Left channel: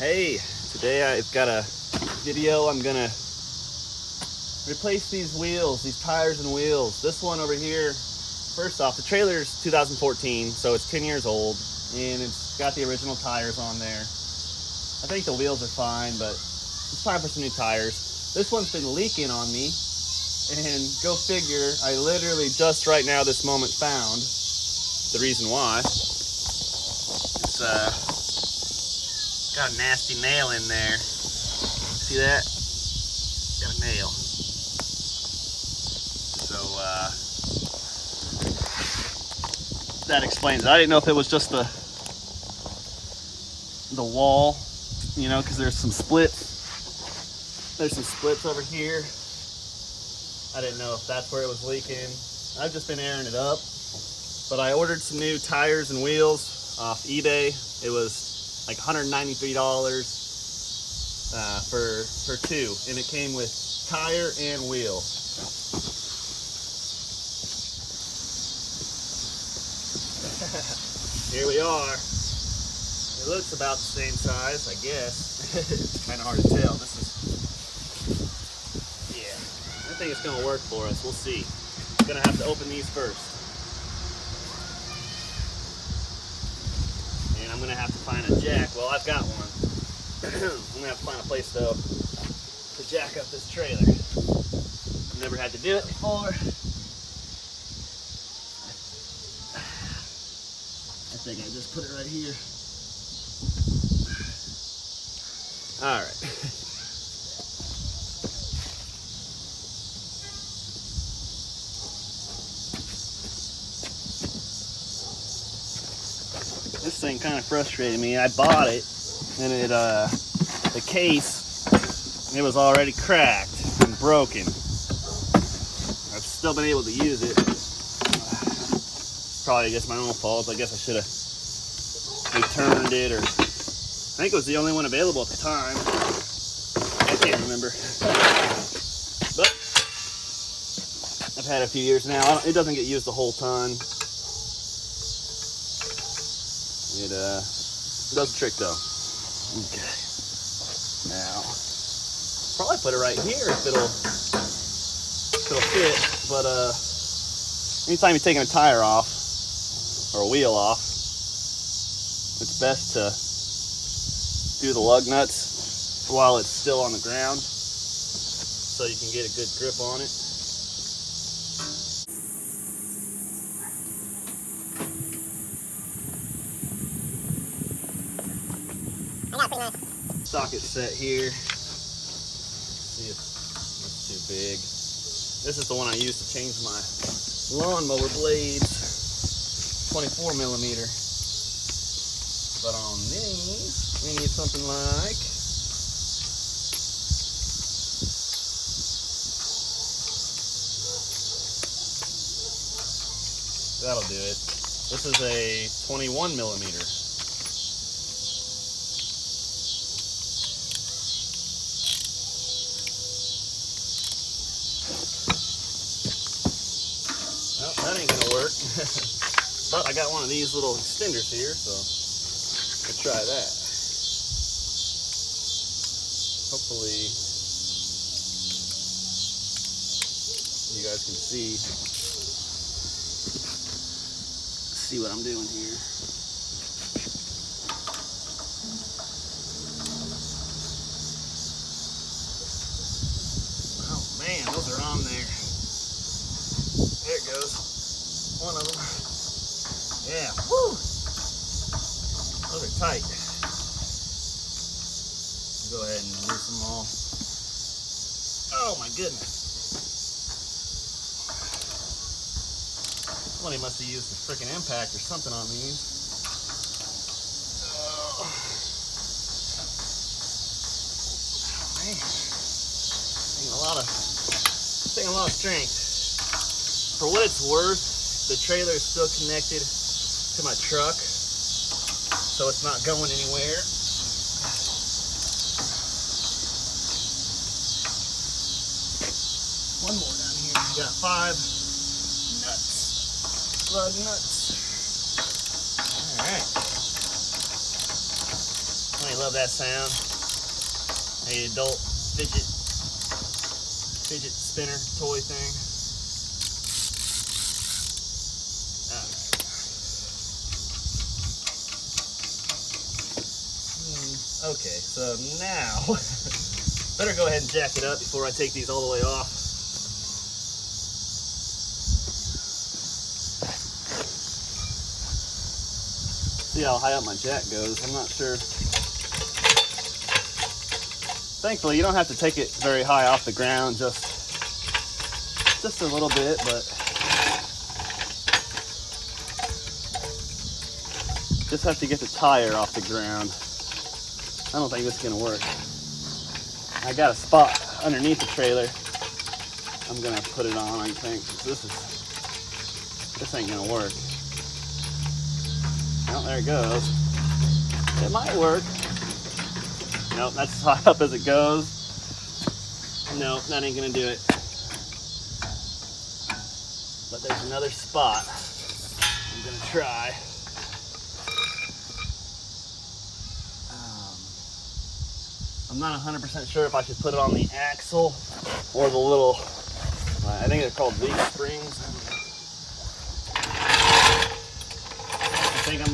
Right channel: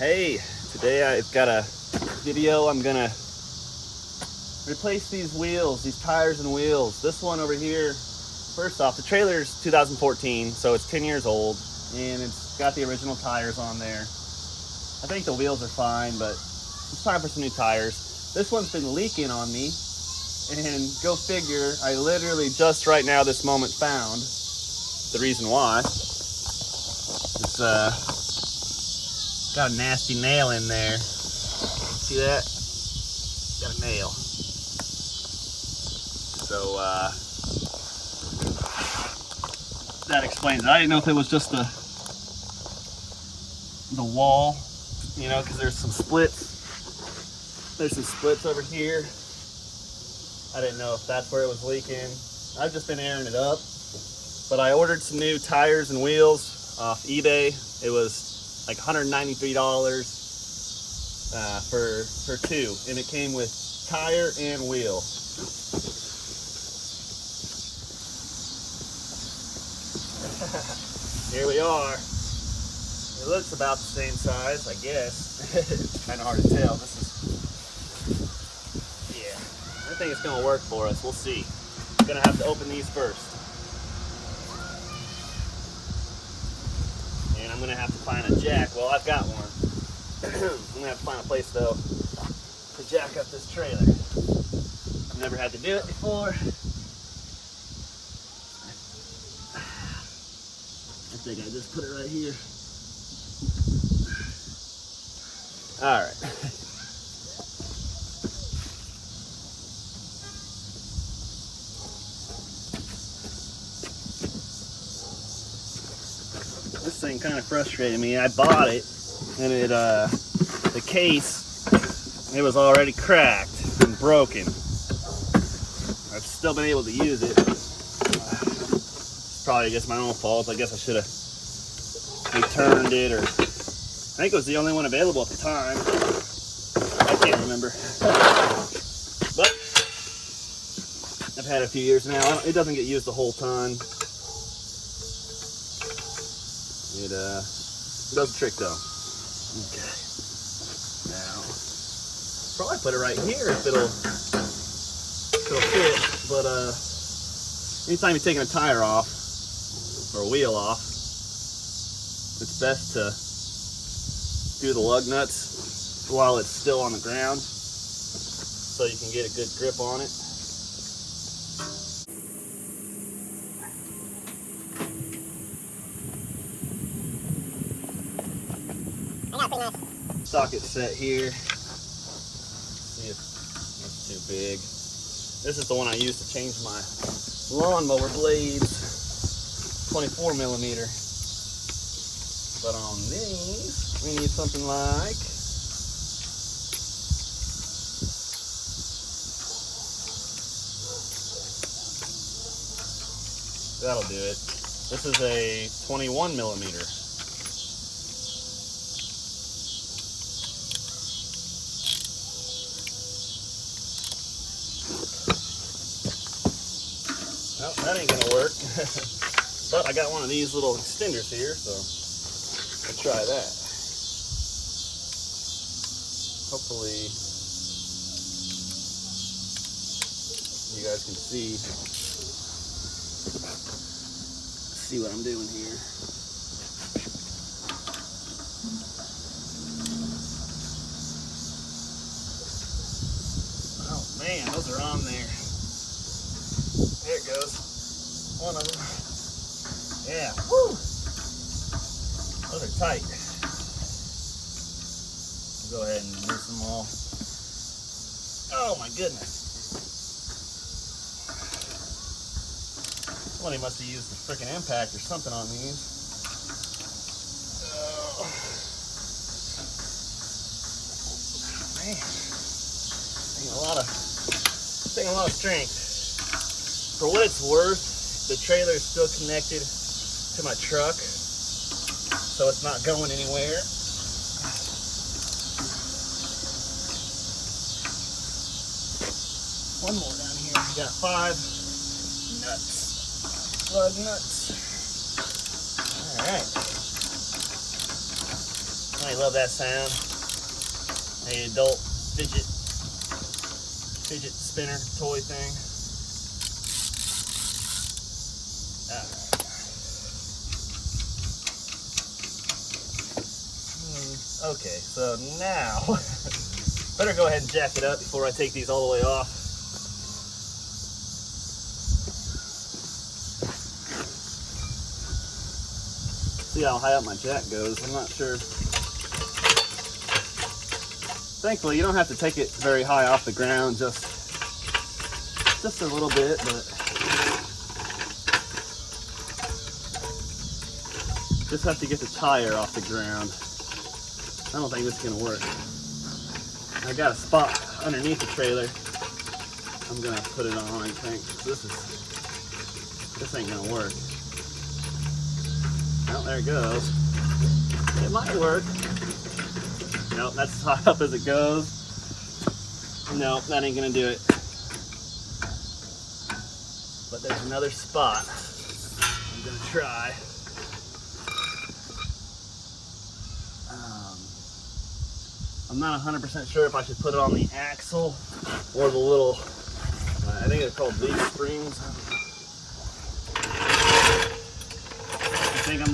Hey, today I've got a video. I'm gonna replace these wheels, these tires and wheels. This one over here, first off, the trailer's 2014, so it's 10 years old, and it's got the original tires on there. I think the wheels are fine, but it's time for some new tires. This one's been leaking on me, and go figure, I literally just right now, this moment, found the reason why. It's got a nasty nail in there. See that? Got a nail. So that explains it. I didn't know if it was just the wall, you know, because there's some splits. There's some splits over here. I didn't know if that's where it was leaking. I've just been airing it up. But I ordered some new tires and wheels off eBay. It was like $193 for two, and it came with tire and wheel. Here we are. It looks about the same size, I guess. It's kind of hard to tell. This is, yeah, I think it's gonna work for us. We'll see. I'm gonna have to open these first. And I'm gonna have to find a jack. Well, I've got one. I'm gonna have to find a place though to jack up this trailer. I've never had to do it before. I think I just put it right here. All right. This thing kind of frustrated me. I bought it, and it the case, it was already cracked and broken. I've still been able to use it. It's probably just my own fault. I guess I should have returned it, or I think it was the only one available at the time. I can't remember. But I've had it a few years now. It doesn't get used a whole ton. It does the trick though. Okay. Now, probably put it right here if it'll fit. But anytime you're taking a tire off or a wheel off, it's best to do the lug nuts while it's still on the ground, so you can get a good grip on it. Socket set here. See if it's too big. This is the one I use to change my lawnmower blades, 24 millimeter. But on these, we need something like that'll do it. This is a 21 millimeter. Well, that ain't gonna work. But I got one of these little extenders here, so I'll try that. Hopefully you guys can see what I'm doing here. Oh man, those are on there. There it goes. One of them. Yeah. Woo! Those are tight. I'll go ahead and loose them all. Oh my goodness. Somebody must have used a freaking impact or something on these. Oh man. Taking a lot of strength. For what it's worth, the trailer is still connected to my truck, so it's not going anywhere. One more down here. We got 5 nuts, lug nuts. All right. I love that sound. A adult fidget spinner toy thing. Okay, so now better go ahead and jack it up before I take these all the way off. See how high up my jack goes. I'm not sure. Thankfully, you don't have to take it very high off the ground, just a little bit, but just have to get the tire off the ground. I don't think this is gonna work. I got a spot underneath the trailer. I'm gonna put it on, I think. This ain't gonna work. Well, there it goes. It might work. Nope, that's as high up as it goes. Nope, that ain't gonna do it. But there's another spot I'm gonna try. I'm not 100% sure if I should put it on the axle or the little, I think they're called leaf springs. I think I'm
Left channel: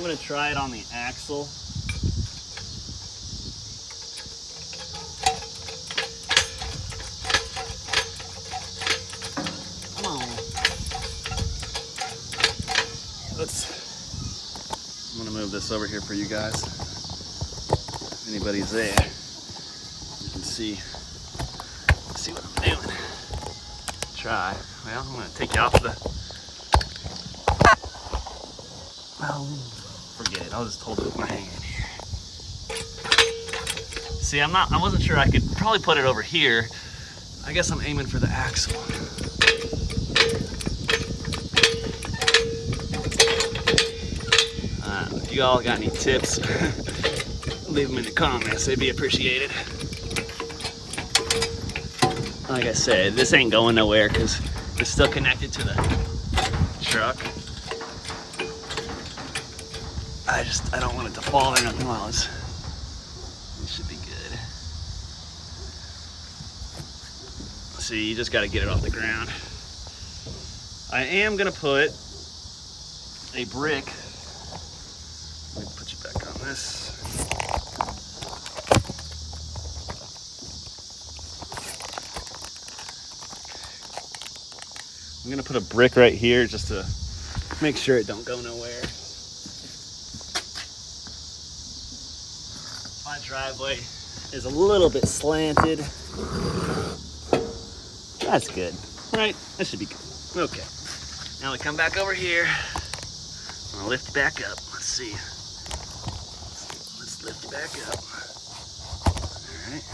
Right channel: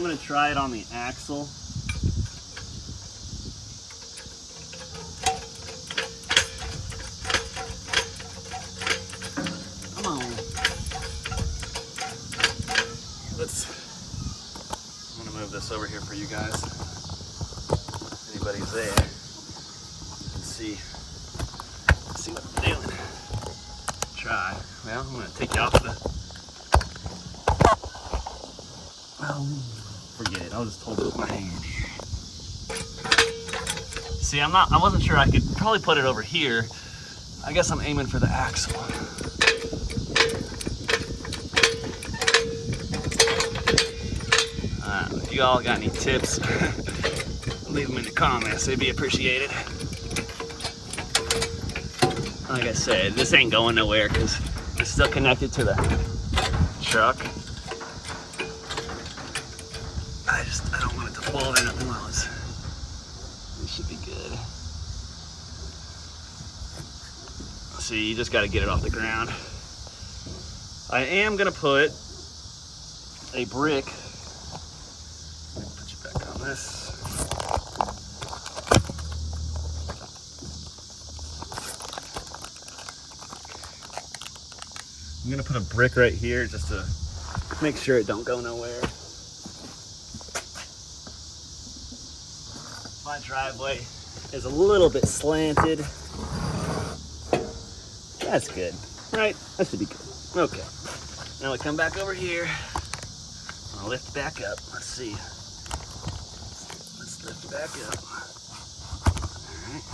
gonna try it on the axle. Come on. I'm gonna move this over here for you guys. Anybody's there, you can see what I'm doing. Try. Well, I'm gonna take you off the. Well, forget it. I'll just hold it with my hand here. See, I wasn't sure. I could probably put it over here. I guess I'm aiming for the axle. If you all got any tips, leave them in the comments. They'd be appreciated. Like I said, this ain't going nowhere because it's still connected to the truck. I don't want it to fall in at once. It should be good. See, you just got to get it off the ground. I am gonna put a brick. Let me put you back on this. I'm gonna put a brick right here just to make sure it don't go nowhere. My driveway is a little bit slanted. That's good, right? That should be good. Okay, now we come back over here. I'm gonna lift back up. Let's see. Let's lift back up. All right.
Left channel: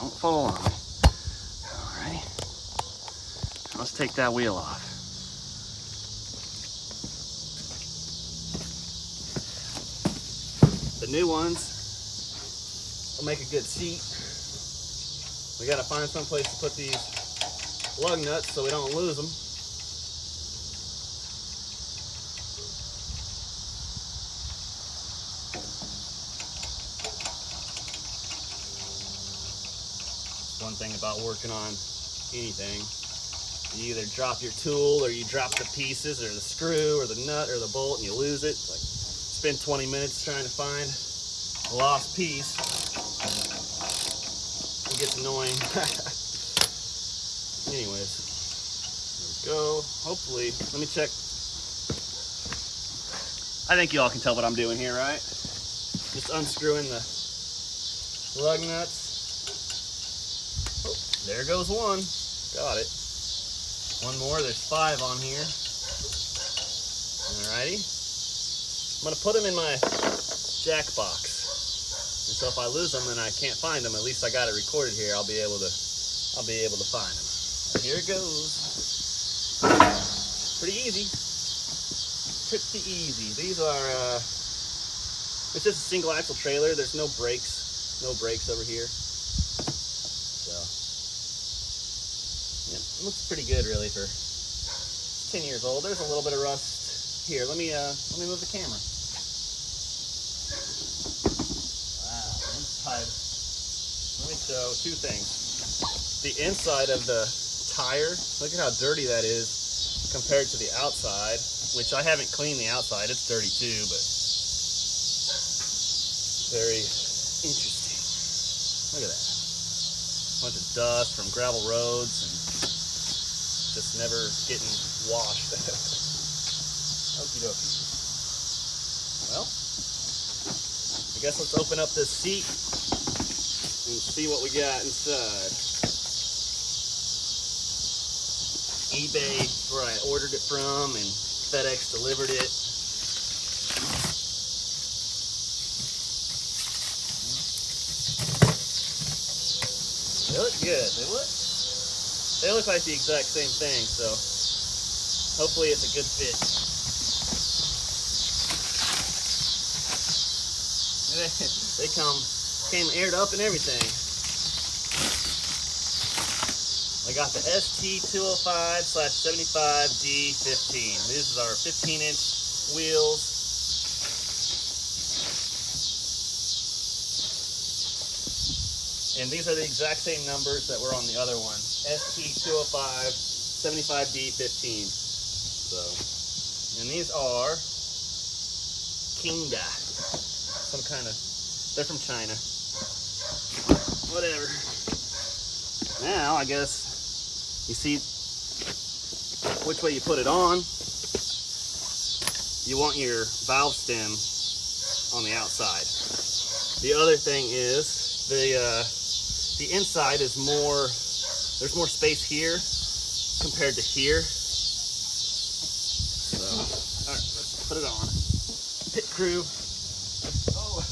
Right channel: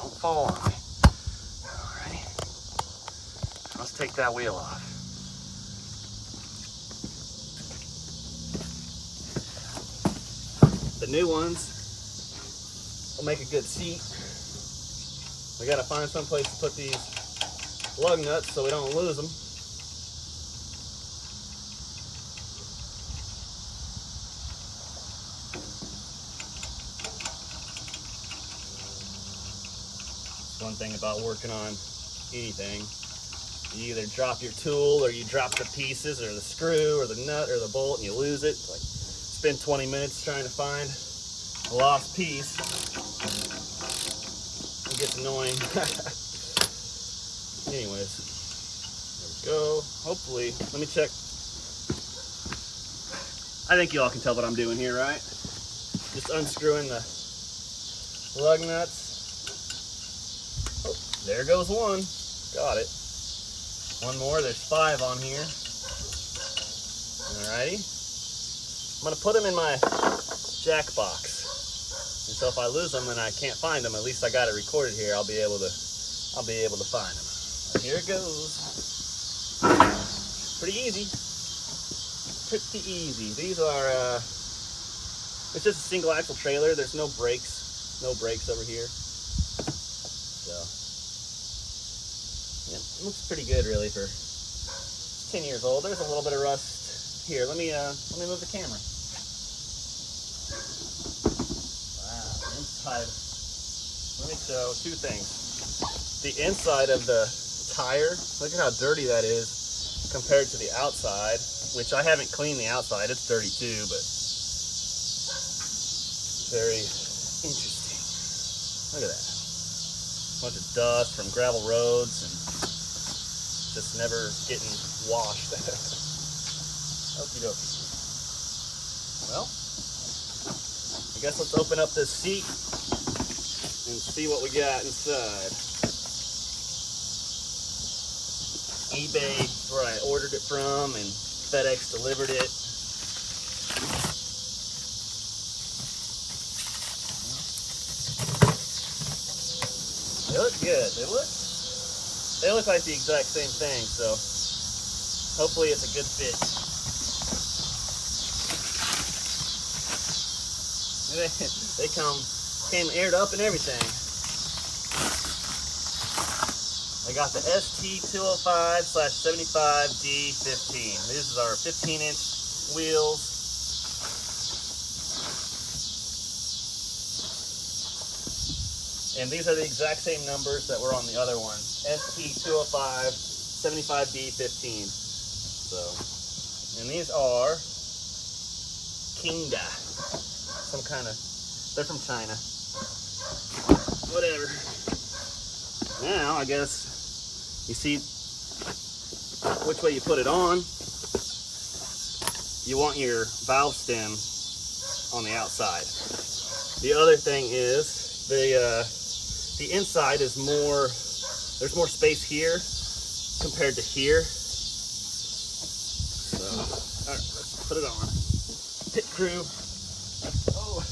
Don't fall on me. Let's take that wheel off. The new ones will make a good seat. We gotta find some place to put these lug nuts so we don't lose them. One thing about working on anything, you either drop your tool or you drop the pieces or the screw or the nut or the bolt and you lose it. It's like spend 20 minutes trying to find a lost piece. It gets annoying. Anyways, there we go. Hopefully, let me check. I think you all can tell what I'm doing here, right? Just unscrewing the lug nuts. Oh, there goes one. Got it. One more, there's 5 on here. Alrighty. I'm gonna put them in my jack box. And so if I lose them and I can't find them, at least I got it recorded here. I'll be able to find them. Here it goes. Pretty easy. Pretty easy. These are it's just a single axle trailer. There's no brakes. No brakes over here. So yeah, it looks pretty good really for 10 years old. There's a little bit of rust here. Let me move the camera. inside. Let me show two things. The inside of the tire, look at how dirty that is compared to the outside, which I haven't cleaned the outside. It's dirty too, but very interesting. Look at that. A bunch of dust from gravel roads and just never getting washed. Okie dokie. Well, I guess let's open up this seat and see what we got inside. eBay is where I ordered it from, and FedEx delivered it. They look good. They look like the exact same thing, so hopefully it's a good fit. They came aired up and everything. I got the ST205/75D15. This is our 15-inch wheels. And these are the exact same numbers that were on the other one. ST205/75D15. So, and these are Kinda. Some kind of, they're from China. Whatever. Now, I guess, you see which way you put it on. You want your valve stem on the outside. The other thing is, the inside is more, there's more space here compared to here. So, all right, let's put it on. Pit crew. Oh.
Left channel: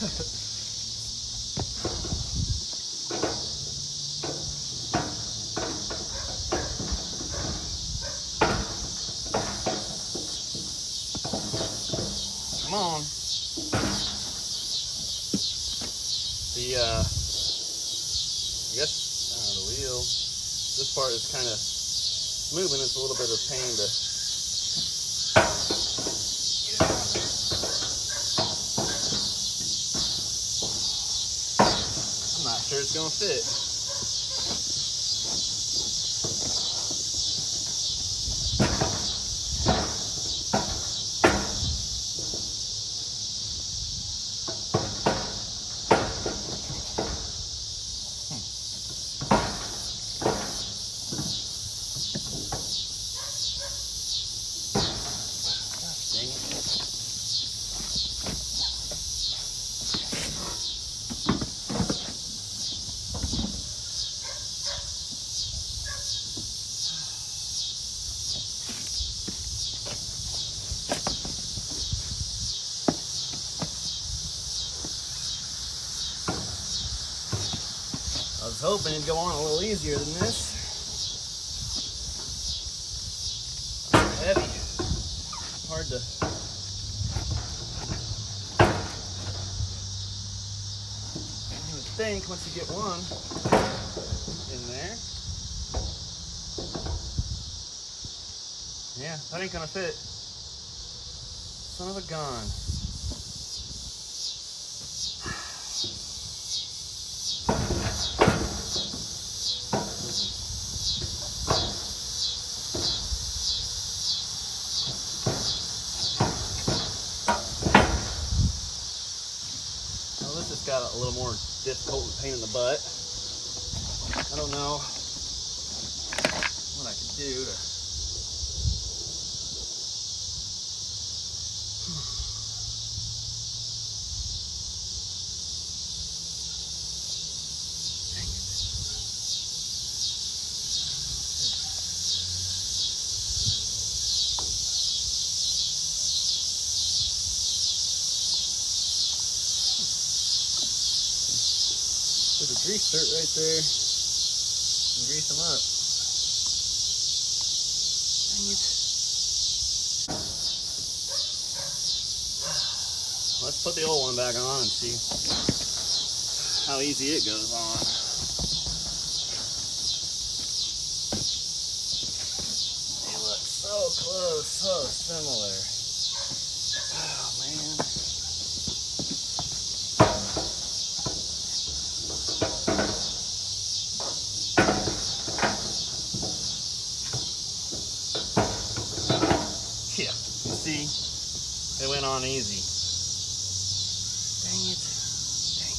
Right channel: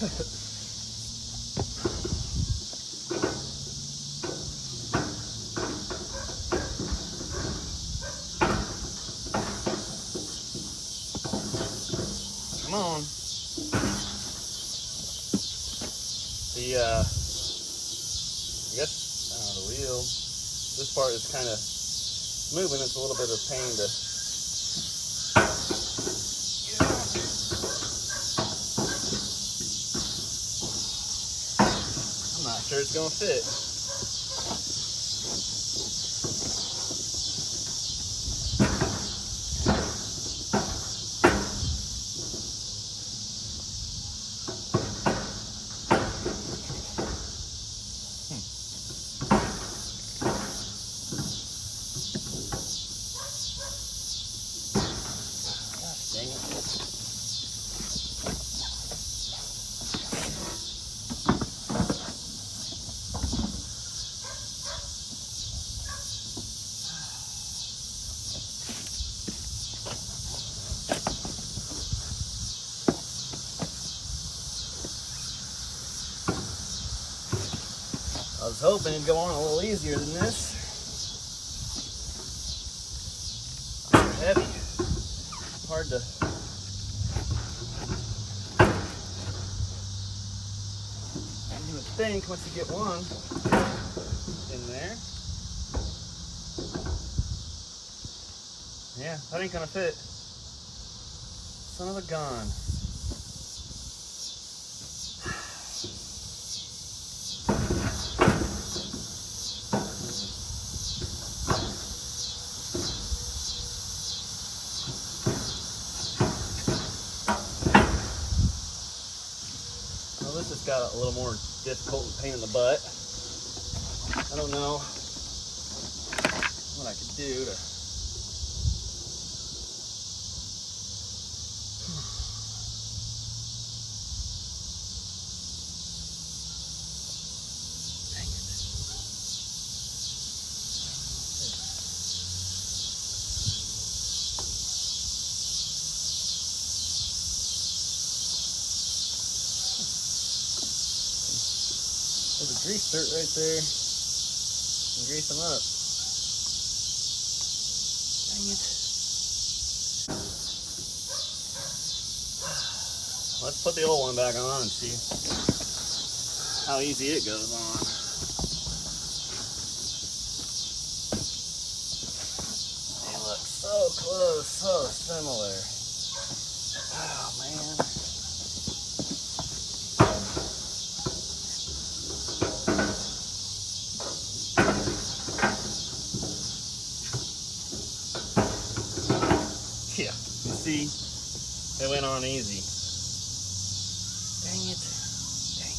Come on. The I guess the wheel, this part is kind of moving. It's a little bit of a pain to get it on there. I'm not sure it's gonna fit. I was hoping it'd go on a little easier than this. Heavy. Hard to. You would think once you get one in there. Yeah, that ain't gonna fit. Son of a gun. This just got a little more difficult and pain in the butt. I don't know what I could do to. Dang it. There's a grease dirt right there. And grease them up. Dang it. Let's put the old one back on and see how easy it goes on. They look so close, so similar. Oh man. They went on easy. Dang it. Dang it.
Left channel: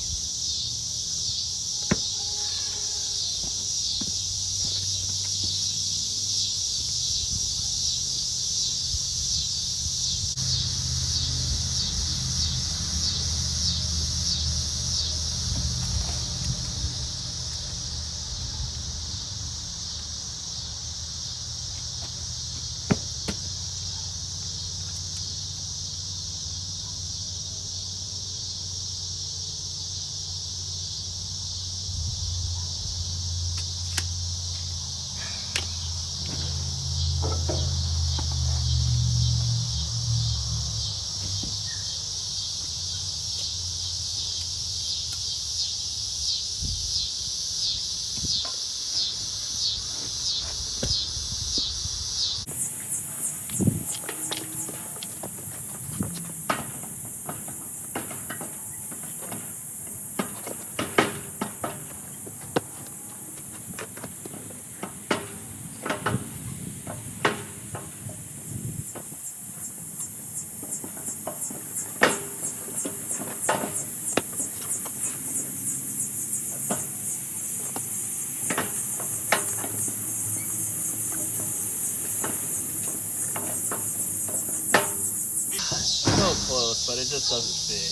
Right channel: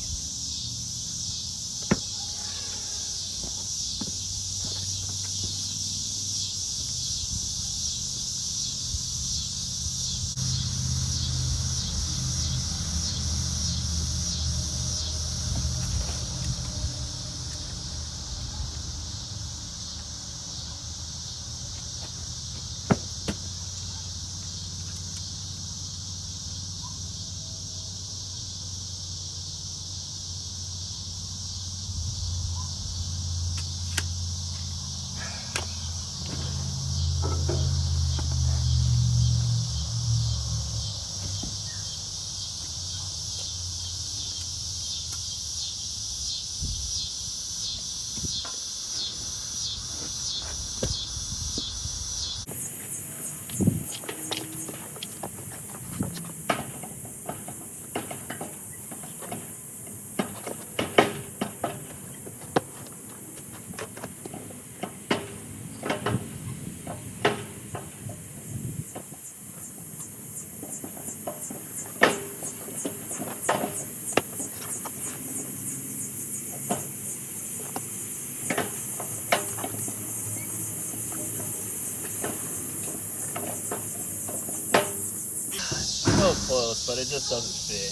So close, but it just doesn't fit.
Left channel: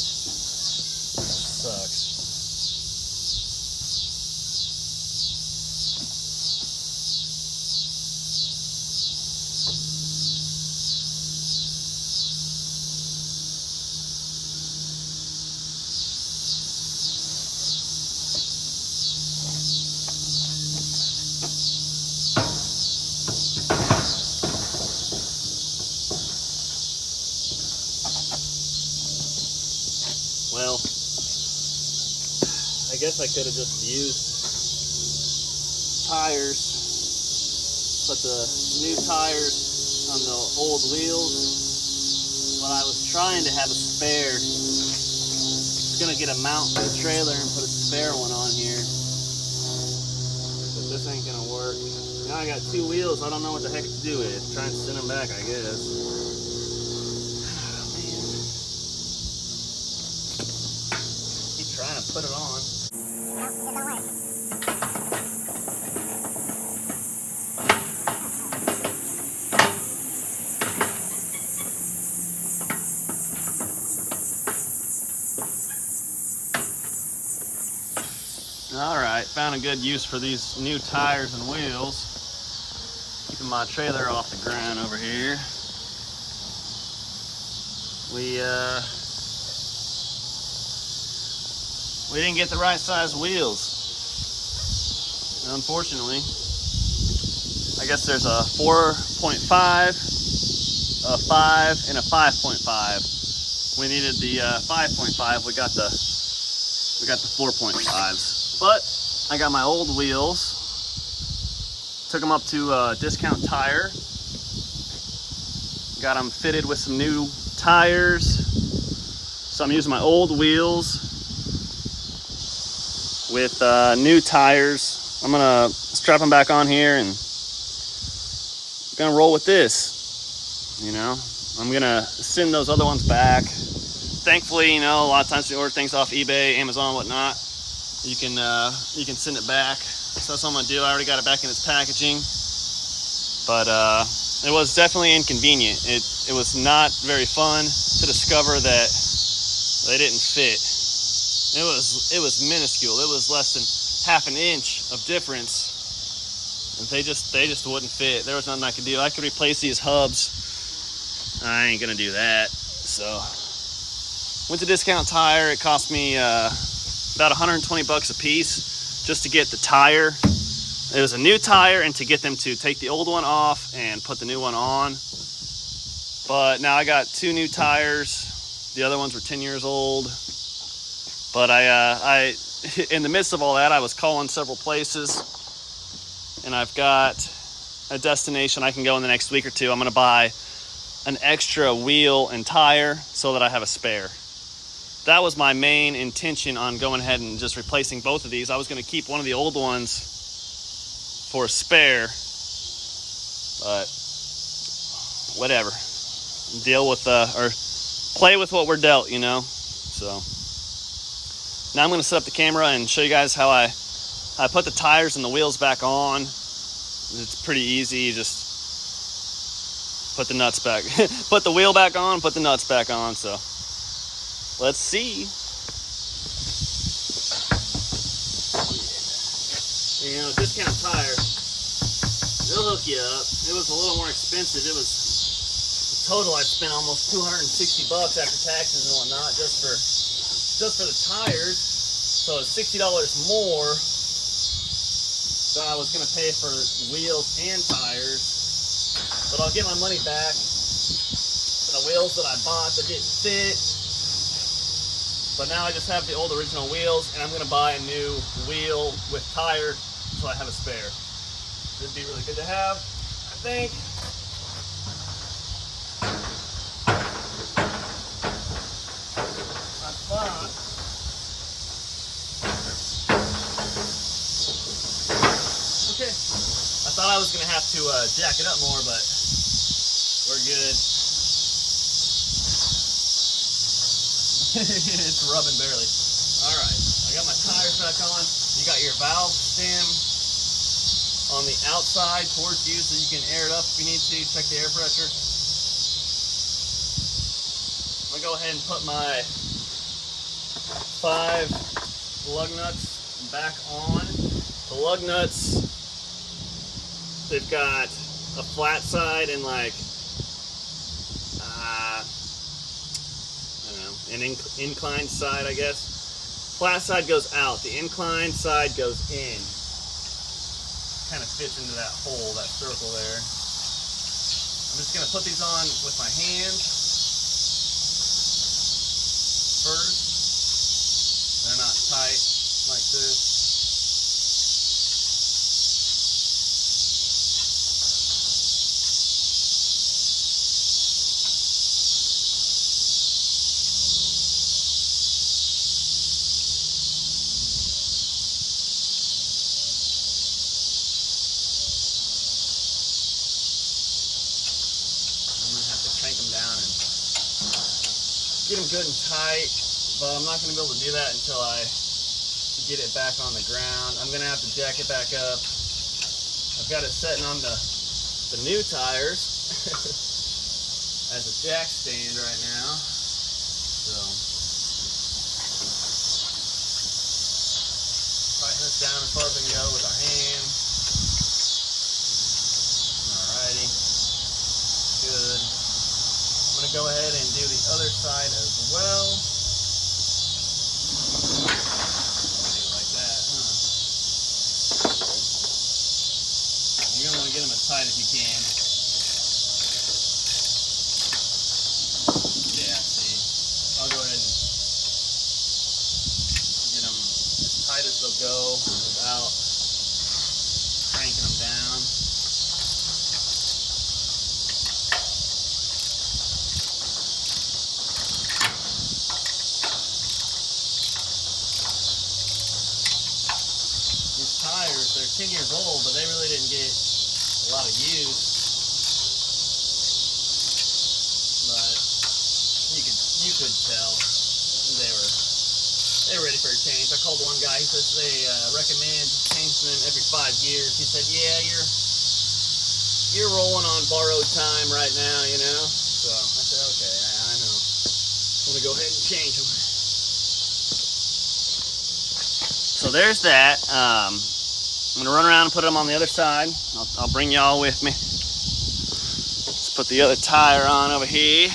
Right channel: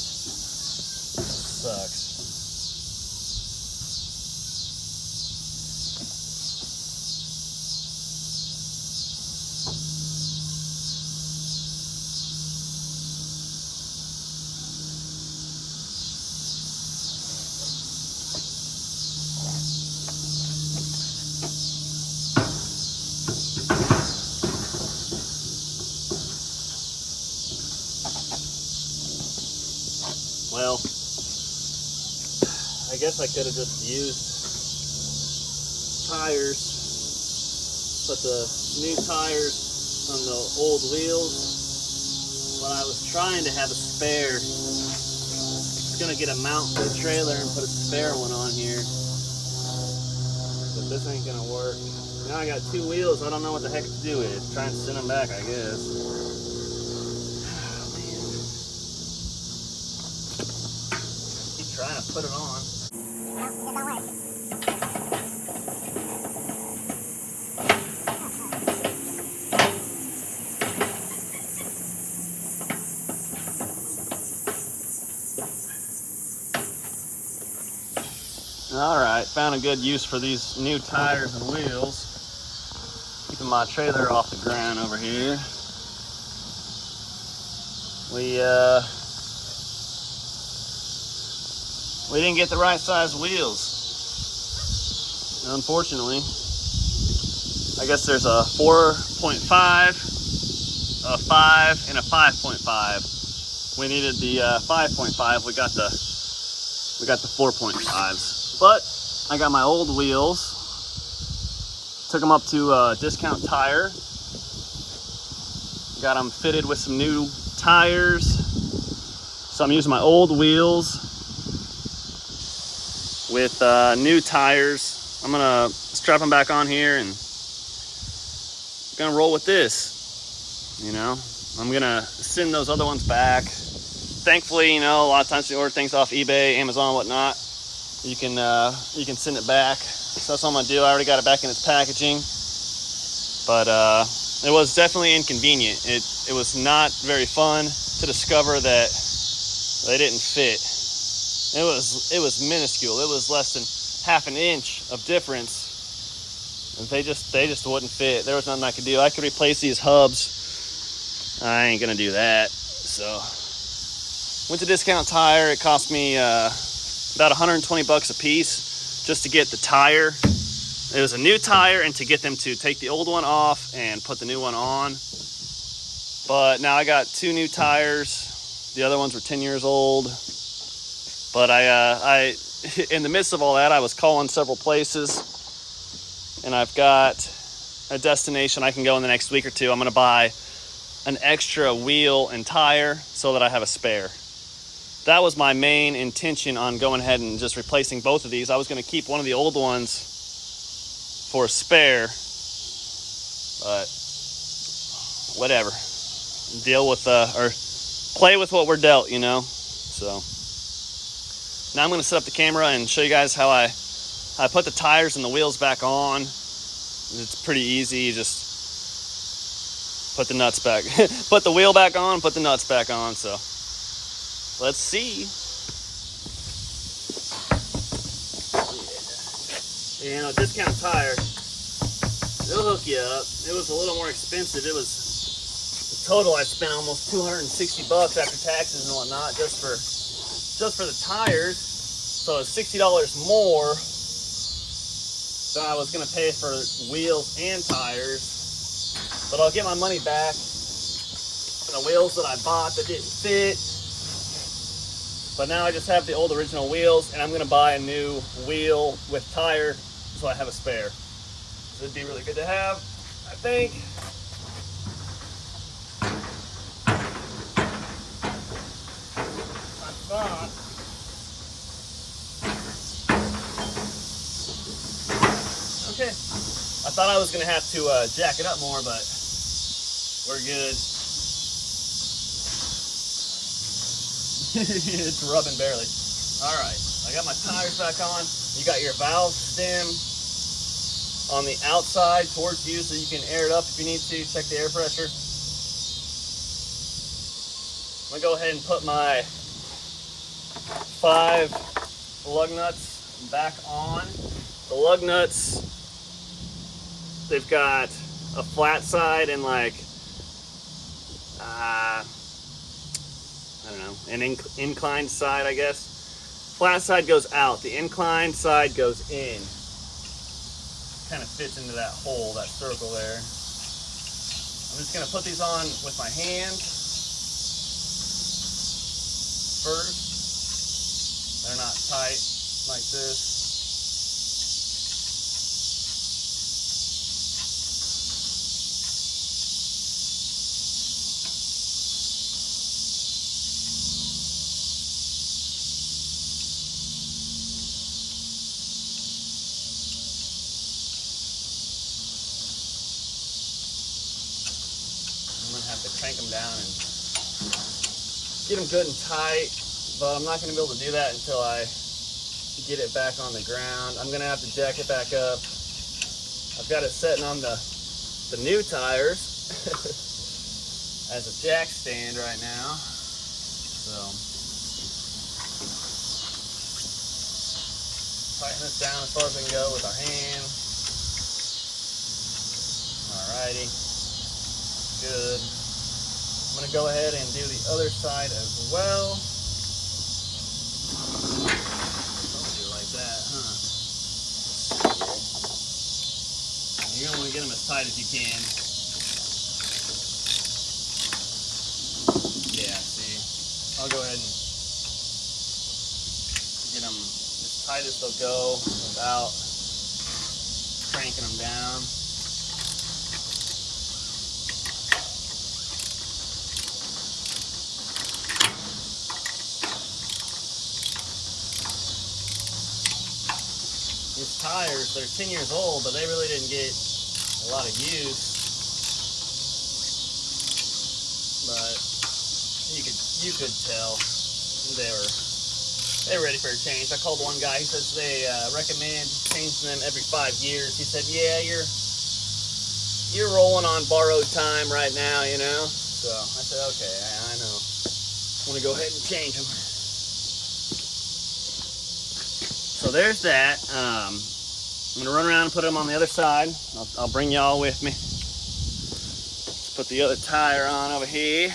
Sucks. Well, I guess I could have just used tires, put the new tires on the old wheels, but I was trying to have a spare. I was gonna get a mount for the trailer and put a spare one on here, but this ain't gonna work. Now I got two wheels, I don't know what the heck to do with. Try and send them back, I guess. Trying to put it on. All right, found a good use for these new tires and wheels. Keeping my trailer off the ground over here. We didn't get the right size wheels, unfortunately. I guess there's a 4.5, a 5, and a 5.5. We needed the 5.5. We got the 4.5s. But I got my old wheels. Took them up to Discount Tire. Got them fitted with some new tires. So I'm using my old wheels with new tires. I'm gonna strap them back on here and I'm gonna roll with this. You know, I'm gonna send those other ones back. Thankfully, you know, a lot of times you order things off eBay, Amazon, whatnot, you can send it back. So that's what I'm gonna do. I already got it back in its packaging, but it was definitely inconvenient. It was not very fun to discover that they didn't fit. It was minuscule. It was less than half an inch of difference. And they just wouldn't fit. There was nothing I could do. I could replace these hubs. I ain't gonna do that. So went to Discount Tire. It cost me about 120 bucks a piece just to get the tire. It was a new tire, and to get them to take the old one off and put the new one on. But now I got two new tires. The other ones were 10 years old. But I in the midst of all that, I was calling several places, and I've got a destination I can go in the next week or two. I'm gonna buy an extra wheel and tire so that I have a spare. That was my main intention on going ahead and just replacing both of these. I was gonna keep one of the old ones for a spare, but whatever. Deal with play with what we're dealt, you know. So now I'm going to set up the camera and show you guys how I put the tires and the wheels back on. It's pretty easy. Just put the nuts back, put the wheel back on, put the nuts back on. So let's see. You know, discount tire, they'll hook you up. It was a little more expensive. It was, the total I spent almost $260 after taxes and whatnot just for the tires. So it's $60 more than I was gonna pay for wheels and tires. But I'll get my money back. And the wheels that I bought that didn't fit. But now I just have the old original wheels, and I'm gonna buy a new wheel with tire so I have a spare. It'd be really good to have, I think. I thought. Okay. I thought I was gonna have to jack it up more, but we're good. It's rubbing barely. All right, I got my tires back on. You got your valve stem on the outside towards you so you can air it up if you need to. Check the air pressure. I'm gonna go ahead and put my 5 lug nuts back on. The lug nuts, they've got a flat side and like, I don't know, an inclined side, I guess. Flat side goes out, the inclined side goes in. Kind of fits into that hole, that circle there. I'm just gonna put these on with my hand first. They're not tight like this. Crank them down and get them good and tight, but I'm not going to be able to do that until I get it back on the ground. I'm going to have to jack it back up. I've got it setting on the new tires as a jack stand right now. So tighten this down as far as I can go with our hand. Alrighty, good. I'm going to go ahead and do the other side as well. Don't do it like that, huh? You're going to want to get them as tight as you can. Yeah, see, I'll go ahead and get them as tight as they'll go without cranking them down. These tires, they're 10 years old, but they really didn't get a lot of use. But you could tell they were ready for a change. I called one guy. He says they recommend changing them every 5 years. He said, "Yeah, you're rolling on borrowed time right now, you know." So I said, "Okay, I know. I'm gonna go ahead and change them." So there's that. I'm gonna run around and put them on the other side. I'll bring y'all with me. Let's put the other tire on over here.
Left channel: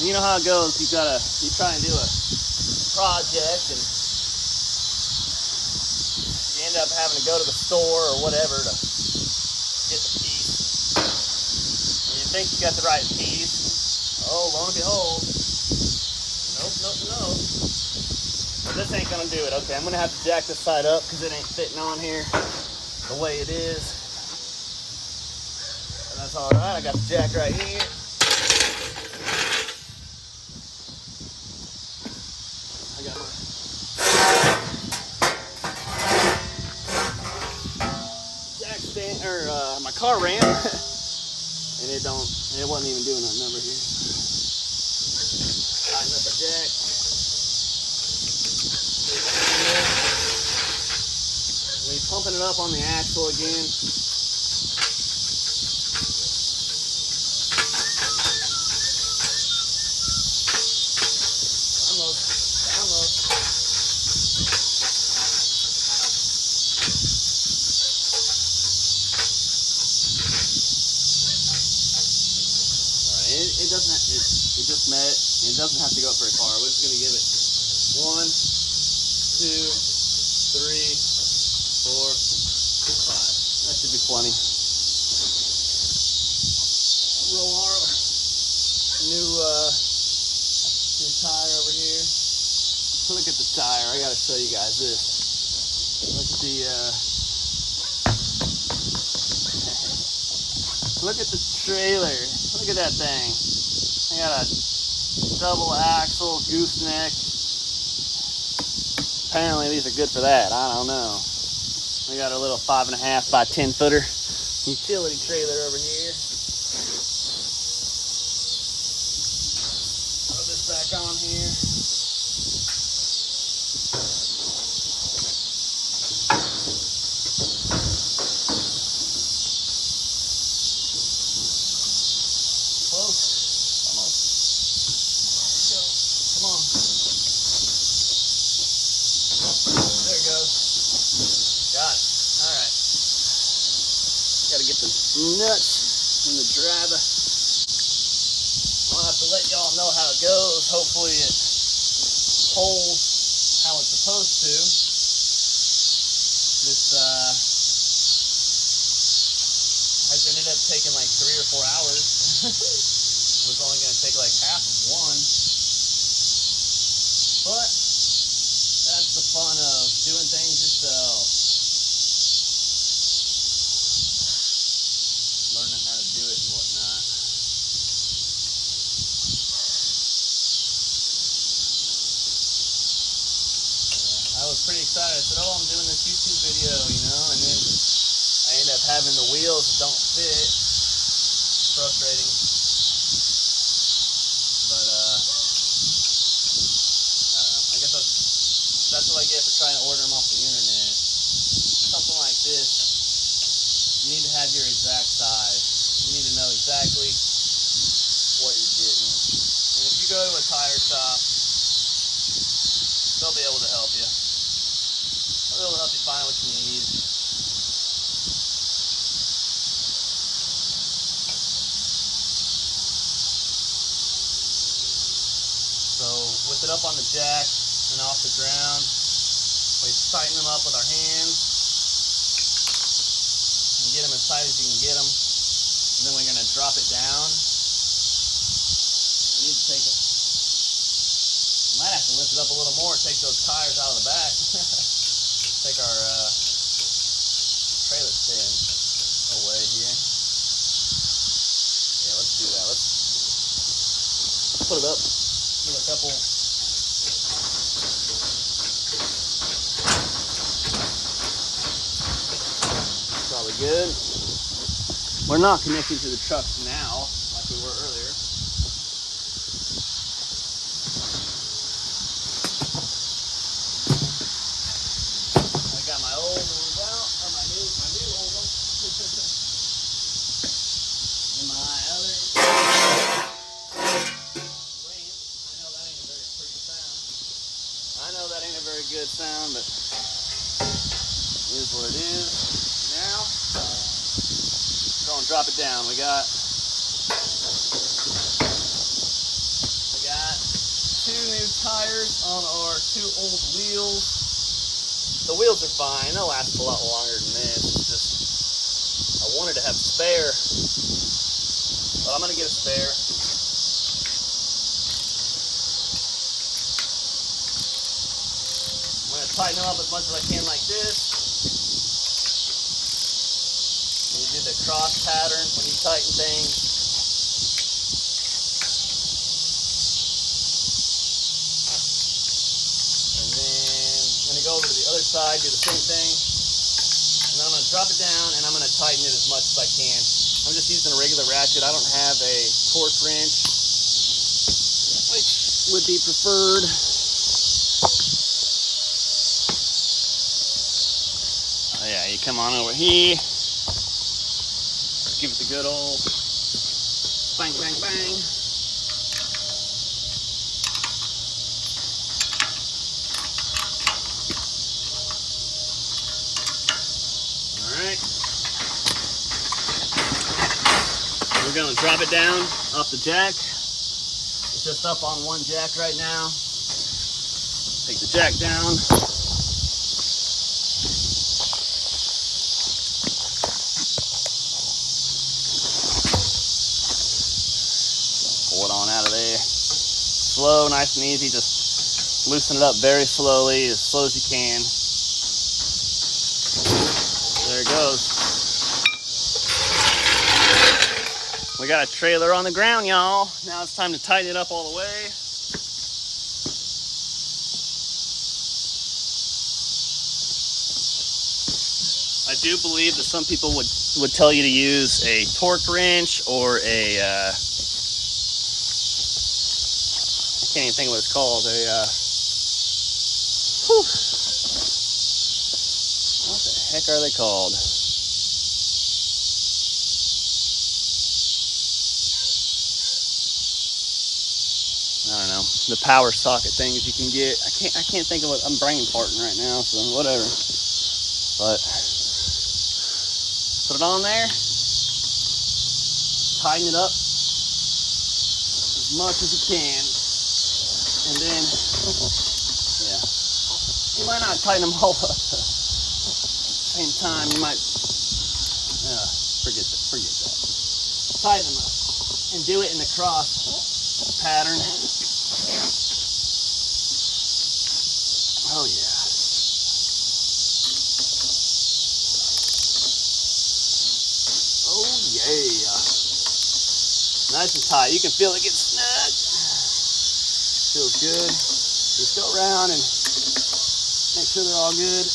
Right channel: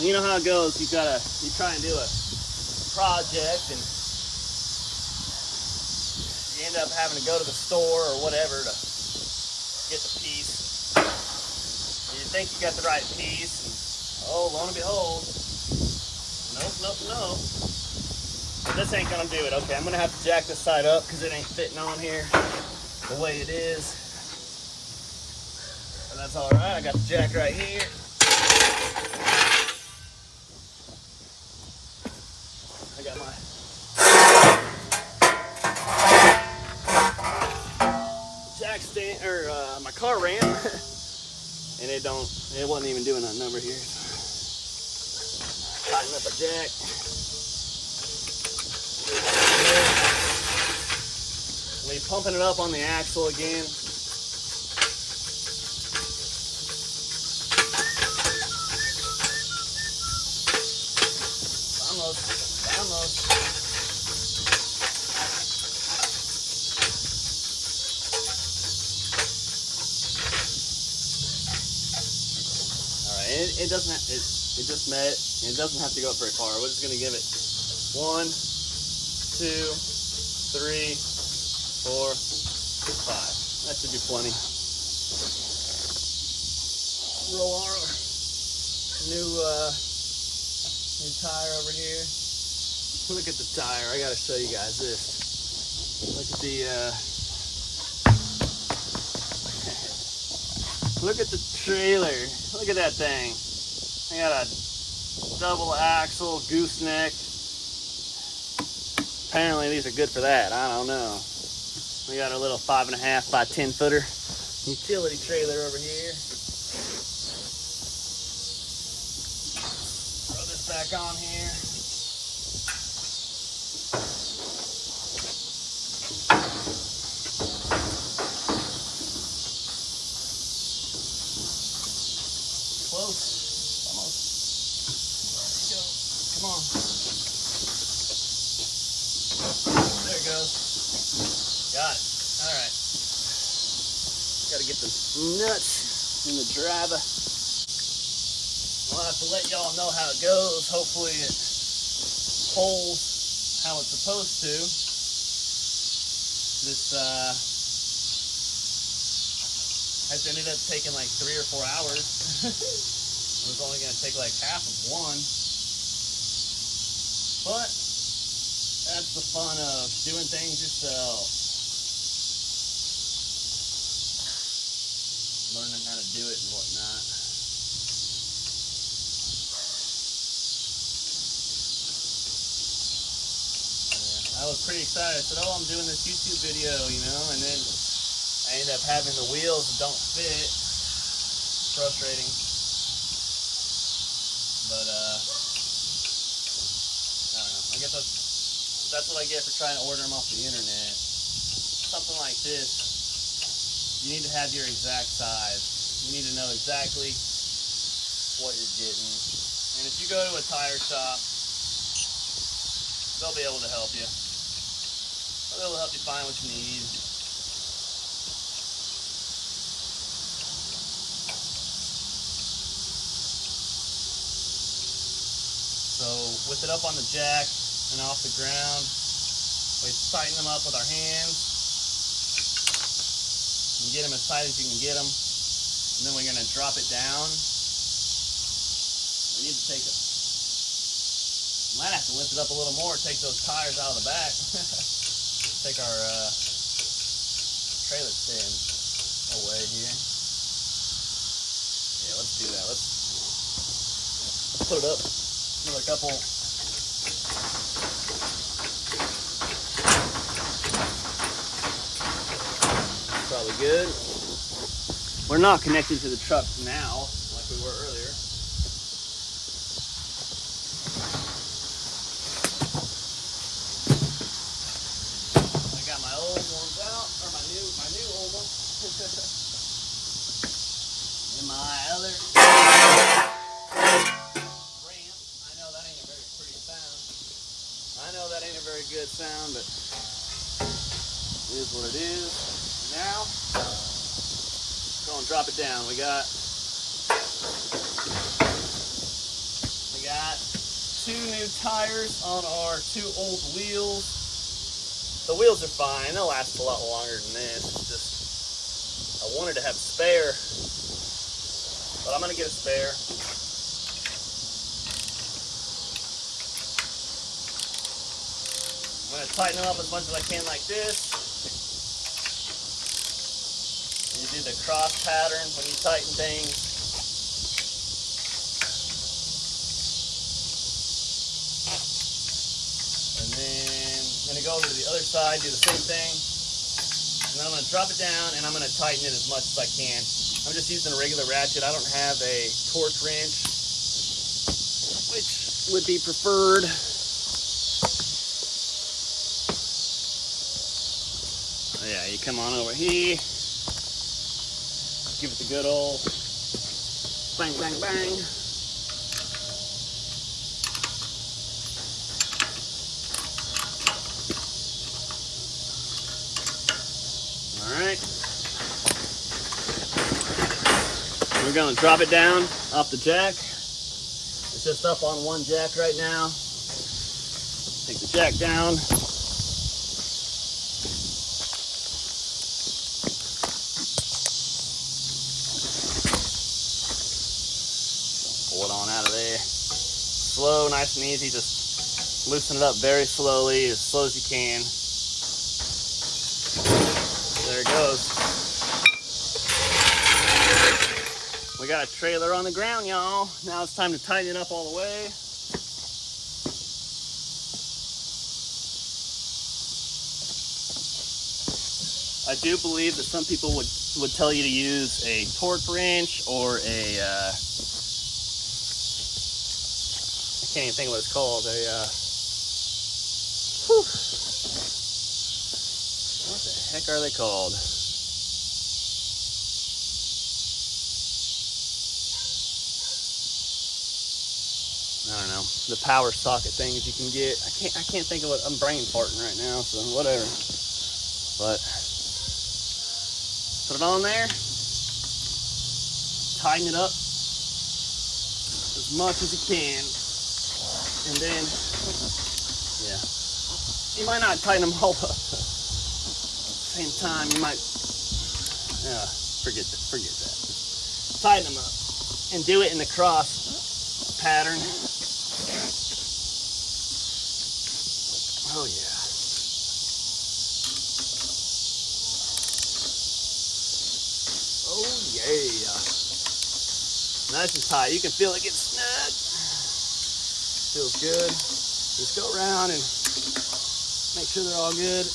You know how it goes. You try and do a project and you end up having to go to the store or whatever to get the piece. And you think you got the right piece, and oh, lo and behold, nope. But this ain't gonna do it. Okay, I'm gonna have to jack this side up because it ain't fitting on here the way it is. And that's all right. I got the jack right here. I got my jack stand or my car ran, and it wasn't even doing that number here. Tighten up our jack. We pumping it up on the axle again. Almost. All right, it doesn't. It just met. It doesn't have to go up very far. We're just gonna give it 1, 2, 3, 4, 5. That should be plenty. Roll our new tire over here. Look at the tire. I gotta show you guys this. Look at the look at the trailer. Look at that thing. I got a double axle gooseneck. Apparently these are good for that. I don't know. We got our little 5.5 by 10 footer utility trailer over here. Throw this back on here. There it goes. Got it. All right. Got to get the nuts in the driver. I'll have to let y'all know how it goes. Hopefully it holds how it's supposed to. This has ended up taking like 3 or 4 hours. It was only going to take like half of one. But that's the fun of doing things yourself. Learning how to do it and whatnot. Yeah, I was pretty excited. I said, oh, I'm doing this YouTube video, you know, and then I ended up having the wheels that don't fit. It's frustrating. But, I don't know. I guess that's what I get for trying to order them off the internet. Something like this, you need to have your exact size. You need to know exactly what you're getting. And if you go to a tire shop, they'll be able to help you. They'll be able to help you find what you need. So with it up on the jack and off the ground, we tighten them up with our hands and get them as tight as you can get them. And then we're going to drop it down. We need to take it. Might have to lift it up a little more, take those tires out of the back. Take our trailer stand away here. Yeah, let's do that. Let's put it up. Another couple. Probably good. We're not connected to the truck now, like we were earlier. I got my old ones out, or my new old ones. And my other ramp. I know that ain't a very pretty sound. I know that ain't a very good sound, but it is what it is. And now, go and drop it down. We got 2 new tires on our 2 old wheels. The wheels are fine. They'll last a lot longer than this. It's just, I wanted to have a spare, but I'm going to get a spare. I'm going to tighten them up as much as I can like this. You do the cross pattern when you tighten things. gonna go over to the other side, do the same thing. And then I'm gonna drop it down and I'm gonna tighten it as much as I can. I'm just using a regular ratchet. I don't have a torque wrench, which would be preferred. Oh yeah, you come on over here. Give it the good old bang, bang, bang. We're gonna drop it down off the jack. It's just up on one jack right now. Take the jack down. Pull it on out of there. Slow, nice and easy. Just loosen it up very slowly, as slow as you can. There it goes. We got a trailer on the ground, y'all. Now it's time to tighten it up all the way. I do believe that some people would tell you to use a torque wrench or a, I can't even think of what it's called, what the heck are they called? I don't know, the power socket things you can get. I can't think of what I'm brain farting right now, so whatever. But put it on there, tighten it up as much as you can, and then yeah, you might not tighten them all up at the same time. You might forget that. Tighten them up and do it in the cross pattern. Oh yeah. Oh yeah. Nice and tight. You can feel it get snug. Feels good. Just go around and make sure they're all good.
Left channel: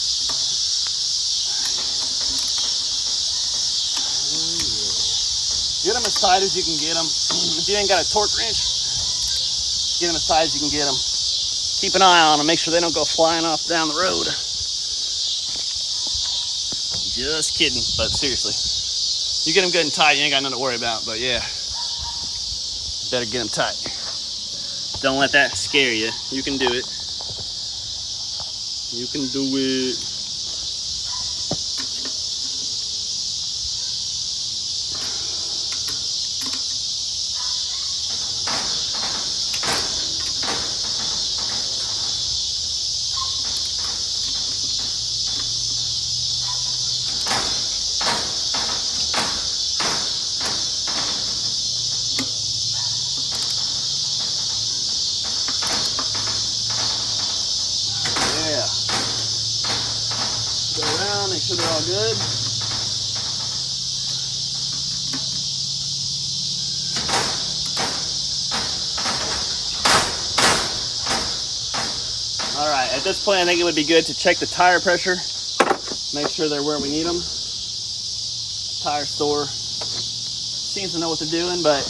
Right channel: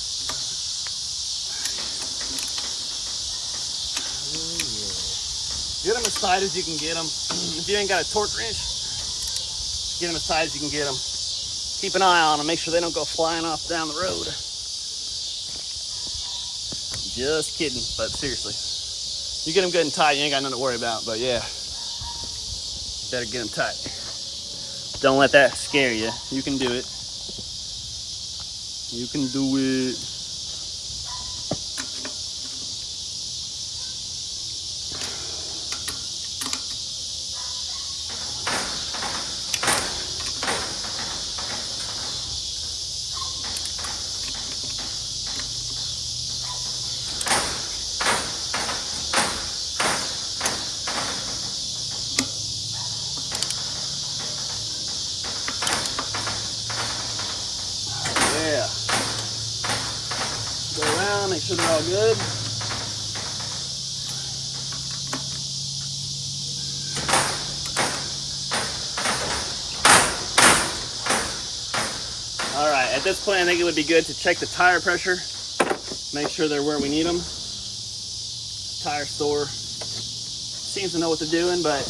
Oh yeah. Get them as tight as you can get them. If you ain't got a torque wrench, get them as tight as you can get them. Keep an eye on them. Make sure they don't go flying off down the road. Just kidding, but seriously. You get them good and tight, you ain't got nothing to worry about. But yeah, better get them tight. Don't let that scare you. You can do it. You can do it. Yeah. Go around, make sure they're all good. All right, at this point, I think it would be good to check the tire pressure. Make sure they're where we need them. The tire store seems to know what they're doing, but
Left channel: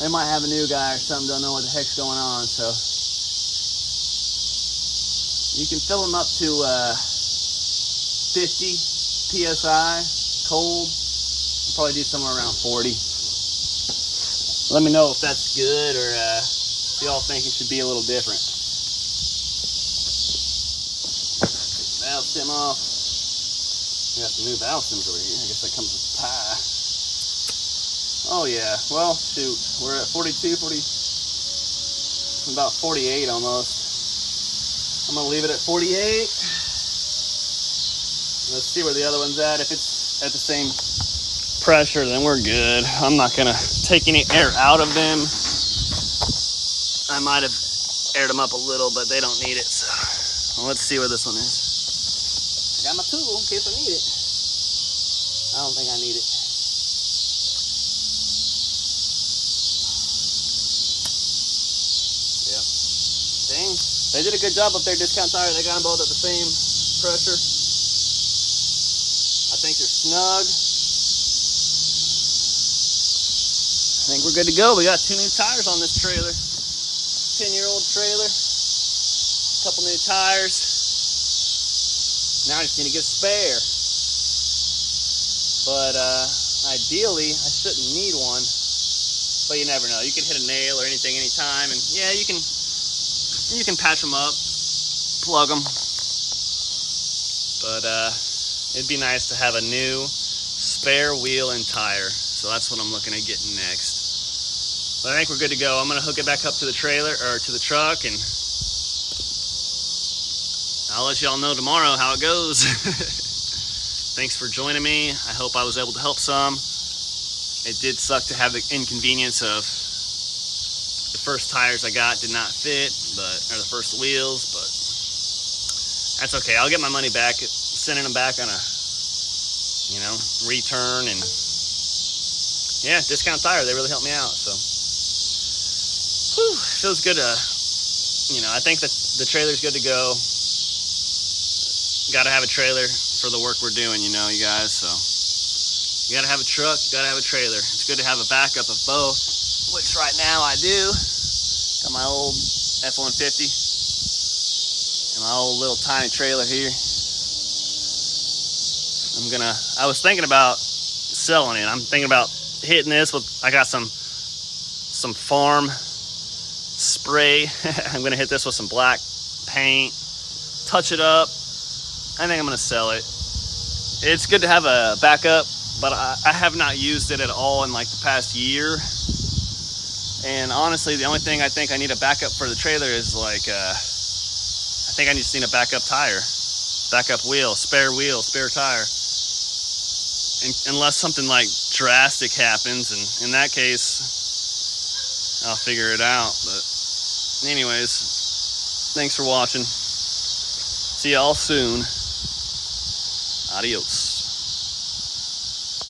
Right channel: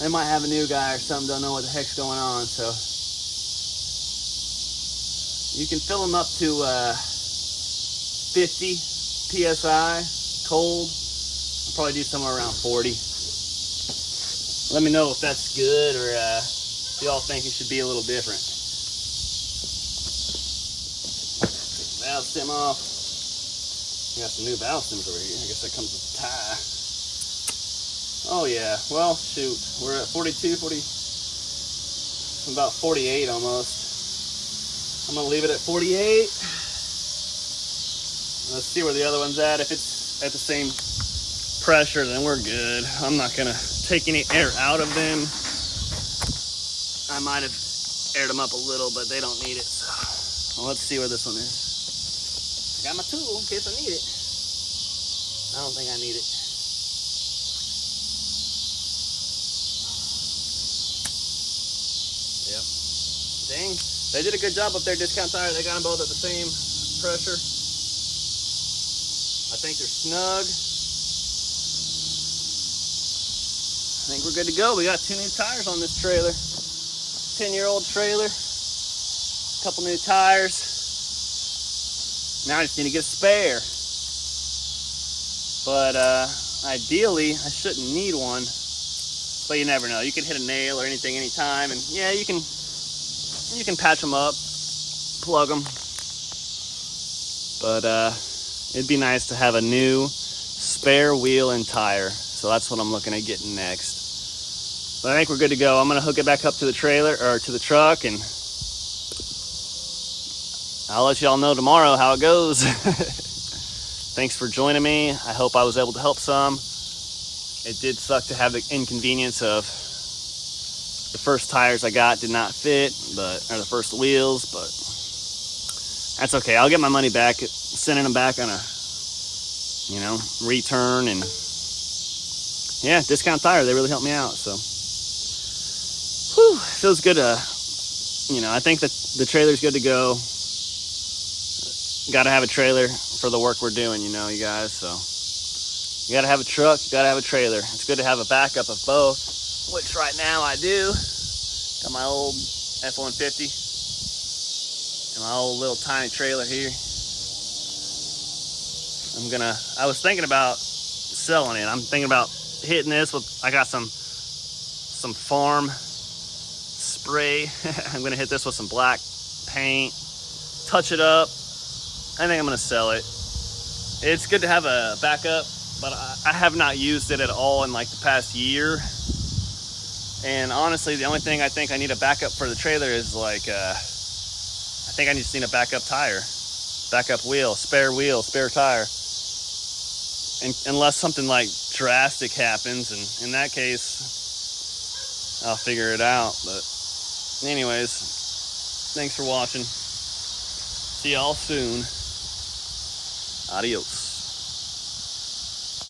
they might have a new guy or something, don't know what the heck's going on, so. You can fill them up to 50 PSI, cold. I'll probably do somewhere around 40. Let me know if that's good or if y'all think it should be a little different. Valve stem off. We got some new valve stems over here. I guess that comes with the tie. Oh yeah, well shoot. We're at 42, 40, about 48 almost. I'm gonna leave it at 48. Let's see where the other one's at. If it's at the same pressure, then we're good. I'm not gonna take any air out of them. I might have aired them up a little, but they don't need it. So well, let's see where this one is. I got my tool in case I need it. I don't think I need it. Yep. Dang. They did a good job up there, Discount Tire. They got them both at the same pressure. I think they're snug. I think we're good to go. We got 2 new tires on this trailer. 10-year-old trailer. Couple new tires. Now I just need to get a spare. But ideally, I shouldn't need one. But you never know. You can hit a nail or anything anytime. And yeah, you can patch them up, plug them. But it'd be nice to have a new spare wheel and tire. So that's what I'm looking at getting next. But I think we're good to go. I'm gonna hook it back up to the trailer or to the truck, and I'll let y'all know tomorrow how it goes. Thanks for joining me. I hope I was able to help some. It did suck to have the inconvenience of the first tires I got did not fit, or the first wheels, but that's okay. I'll get my money back, sending them back on a, return, and yeah, Discount Tire, they really helped me out, so. Whew, feels good to, I think that the trailer's good to go. Got to have a trailer for the work we're doing, you guys, so. You got to have a truck, you got to have a trailer. It's good to have a backup of both, which right now I do. Got my old F-150 and my old little tiny trailer here. I was thinking about selling it. I'm thinking about hitting this with, I got some farm spray. I'm gonna hit this with some black paint, touch it up. I think I'm gonna sell it. It's good to have a backup, but I have not used it at all in like the past year. And honestly, the only thing I think I need a backup for the trailer is like, I think I just need a backup tire, backup wheel, spare tire. And unless something like drastic happens, and in that case, I'll figure it out. But anyways, thanks for watching. See y'all soon. Adios.